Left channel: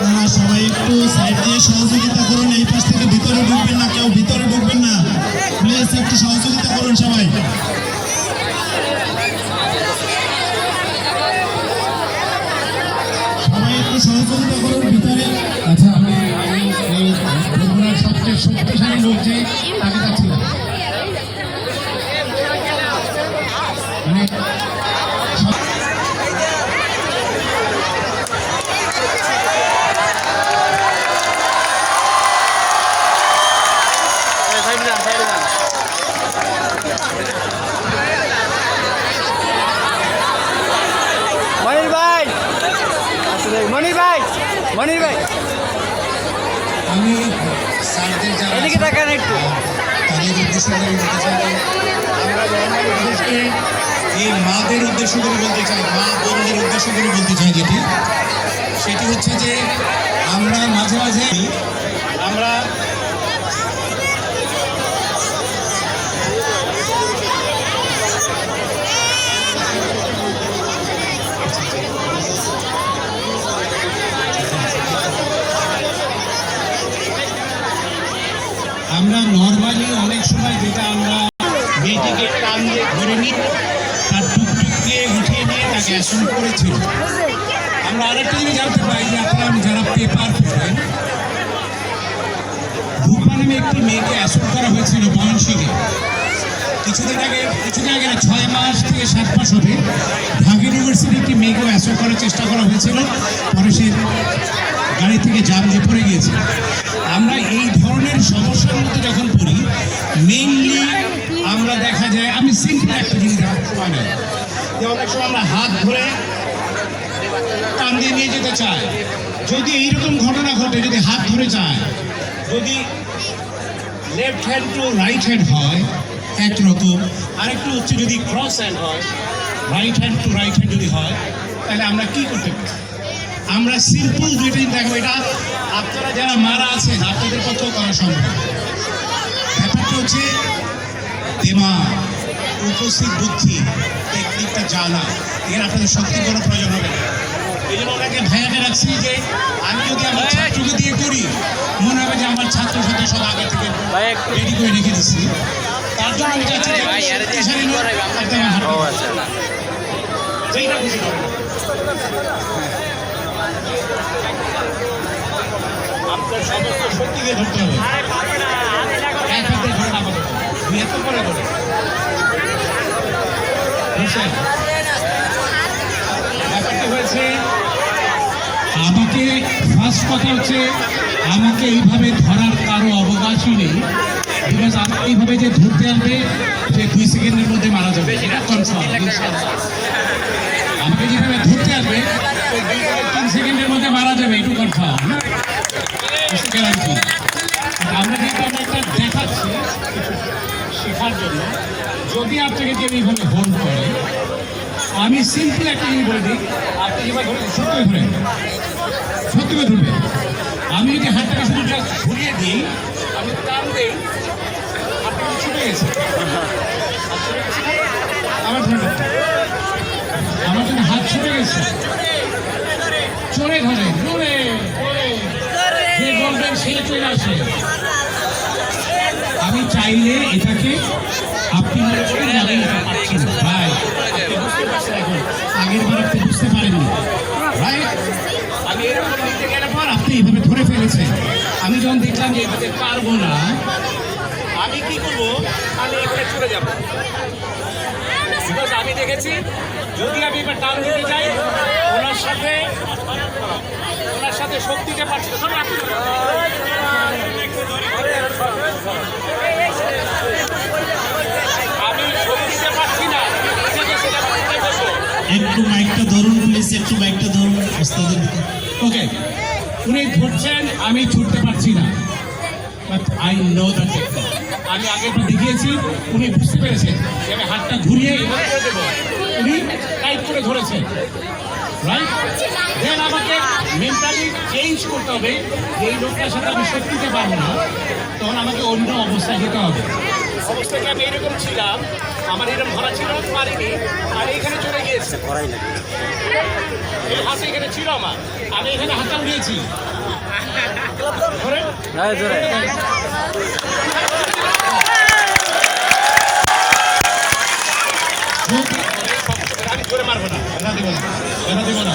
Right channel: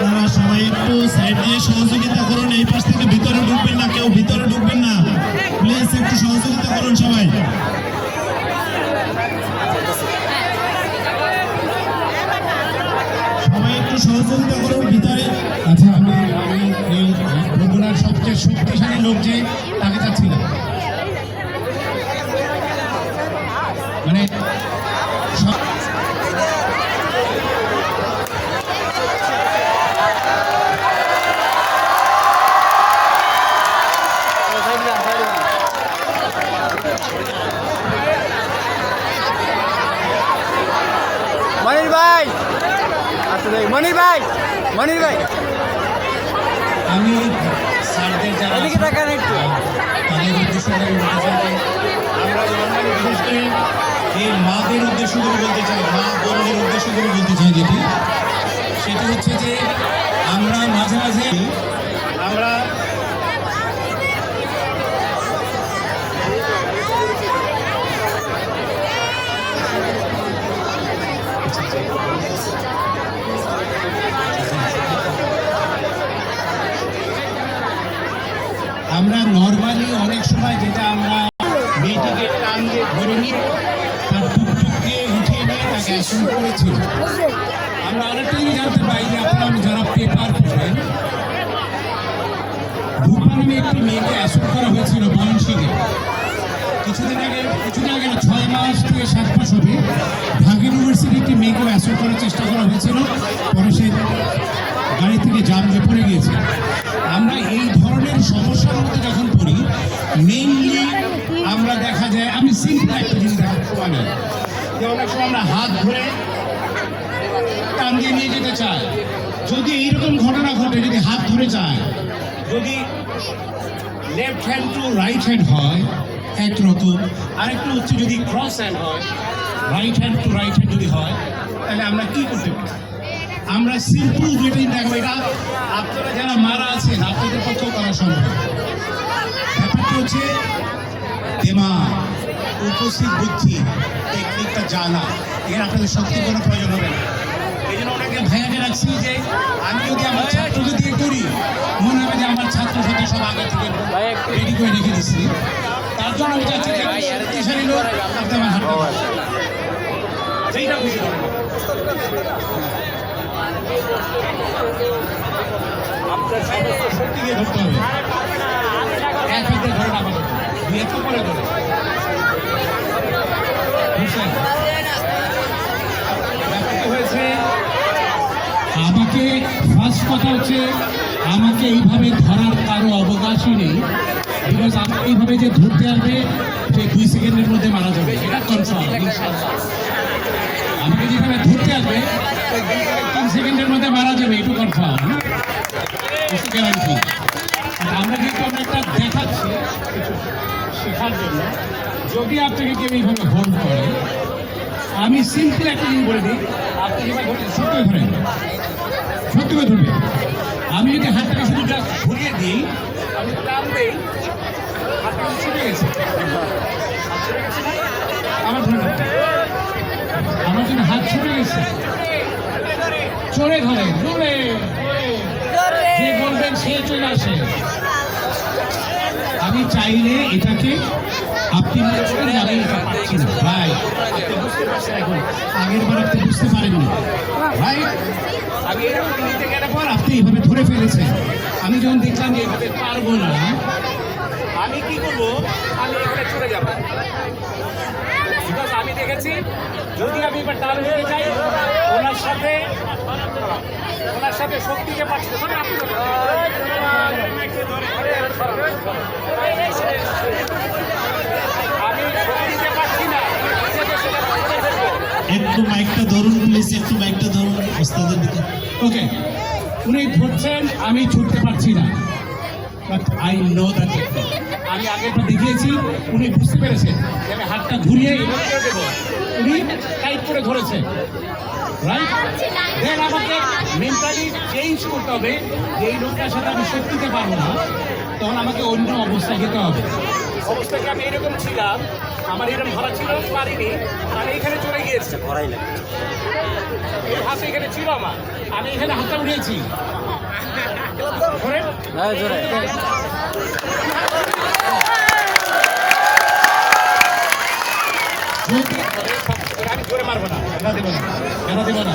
আপনারা সবাই একটু সাইড দিয়ে সহযোগিতা করুন, এই পাশ থেকে ভিতরে ঢুকবেন না, কেউ ভিতরে ঢুকবেন না। প্লিজ একটু সহযোগিতা করুন সবাই। সবাই একটু সহযোগিতা ভিতরে। আচ্ছা এই বগুড়ার সবচেয়ে শক্তিশালী লোক যে, তাকে মনির ভাই আচ্ছা দেখ মনির ভাই মনির ভাই আমি স্যারদের যারা এদিকে তাকান একটু। তাদের উদ্দেশ্য করে বলতে চাই আমরা নর্মালি বিশেষ করে এই মাদের উদ্দেশ্য করে বলতে চাই মা বোনদের উদ্দেশ্য করে বলতে চাই যেটি সেটি হচ্ছে যে আমরা মাঝে মাঝে আমরা আমরা নর্মালি অনেক সময় যেটা আমরা মেয়েটিকে টান দিয়ে ধরে নিই, তার টুকটুক দিয়ে উঠিয়ে নিয়ে তাকে অ্যাসন করেছিল। আমরা আরেকটা জিনিস জানতে পাই যে আপনারা যারা পেপার পড়েন, রূপা একটি মেয়েকে অ্যাসন করা হয়েছিল ময়মনসিংহে কিছুদিন আগে কিছুদিন আগে ছয় মাস থেকে সাত মাস হবে ঢাকা ইউনিভার্সিটি একটি মেয়েকে অ্যাসন করার চেষ্টা করা হয়েছিল, পরে সে গাড়ি থেকে জাম পড়ে গিয়েছে আমরা সময় নেই যে অনেক সময় আমরা হাত ধরে টান দিয়ে নিয়ে যেতে চাই। যদি এইরকম ঘটনা ঘটে, যদি হাত ধরে যায়, যদি left hand to right hand হয় একরকম আরেকটু হচ্ছে যদি ক্রস হ্যান্ড হয় right hand to right hand যদি হয়, তাহলে আমরা কি করতে পারি? আমরা সিম্পল দুইটাই দেখব। এটা আপনারা যারা মারা আছেন, আপনাদের পক্ষেও করা সম্ভব। ব্যাপারটি হচ্ছে দেমা উপস্থিত বুদ্ধি টেকনিকটা জানা এর আপনাদের সত্যি কোনো প্রয়োজন হবে না। এই জন্য ওনাকে ভয়াকে রাখছি যে আমি যদি আমার ছাত্রকে দিয়ে করি মনে হবে যে আমার ছাত্র ছাত্রী সব আগে থেকে রেডি করে রেখে দিচ্ছি তার জন্য আমি চাচ্ছি যে শক্তিশালী লোক একদম আচ্ছা। যেইটা খুশি করেন। আপনার সমস্ত শক্তিকে ধরতে হবে। এক হাতে ধরেন আমাদের দুই হাতে পরে ধরে আমাকে ফার্স্ট কথা হচ্ছে, আমাকে এইভাবে ধরার কারও অবকাশই নেই। বিকজ আমাকে এইভাবে যে ধরতে আসবে, সে দুই সেকেন্ডের মধ্যে মারা যাবে। কনফার্ম আমাকে যেভাবে ধরতে আসবে তিন সেকেন্ডের মধ্যে মারা যাবে একটু কনফার্ম গ্যারান্টি যদি আপনাকে কেউ এইভাবে হোল্ড করে, আমি সিম্পল একটা জিনিস বলে দিই, আপনি সত্যি ধরেন সত্যি করে ধরবেন। আমি যদি হাতটাকে শুধু ঘুরিয়ে দিই, আমি টান দিই হাতটা ছুটে গেছে? আমার ধরে আমার জন্য হাত ছুটে গেছে। চড়ে ধরে জোরে যে বলবেন, সে চলে আসে। আমি চাইলে এটাকে আপনি মনে করেন আমি এটা পারছি না? ভাই, আপনি বুঝতে পারছেন এখন? আগের বার আপনি বুঝতে পারেননি। রাইট আমি এরকম নিতে গেলে পর আপনি এইভাবে ধরে ফেলেছেন। আমি যখন দেখলাম যে এইভাবে পারব না, আমি কি করব? আমি এখানে চলে যাব। বিকজ আমি দেখেছি, যদি আমি এবার টান দিতে যাই, ওনার সাথে ওনার সাথে শক্তিতে পারছি না। আপনি একটু মাইকটা ধরুন প্লিজ একটু মাইকটা ধরুন, ওস্তাদের দিকে ওকে উনি ধরছেন, আমি ছুটতে পারছি না। বাট আই নো দ্য আমি আগের বার দেখিয়েছি, উনি বুঝতে পেরেছেন যে আমি হাতটা ঘুরিয়ে উনি টাইট করে ধরেছেন রাইট দেন আমাকে মেন্টালি চেঞ্জ করতে হবে। যে এই লোকটার সাথে আমি শক্তিতে পারব না। তখন আমাকে অন্য অবস্থায় যেতে হবে। অবস্থায় কি আমি এরকম ছিলাম? আমার এরকম ধরা ছিল পারিনি। আর এখানে চলে গিয়েছে। এই হাতে এখানে ছিল আমার। আমি এখানে হাতটা উঠিয়েছি ধরেন। হ্যাঁ জোরে আমি জোরে মারবো না। ব্যথা দিব না। ব্যথা দিব না।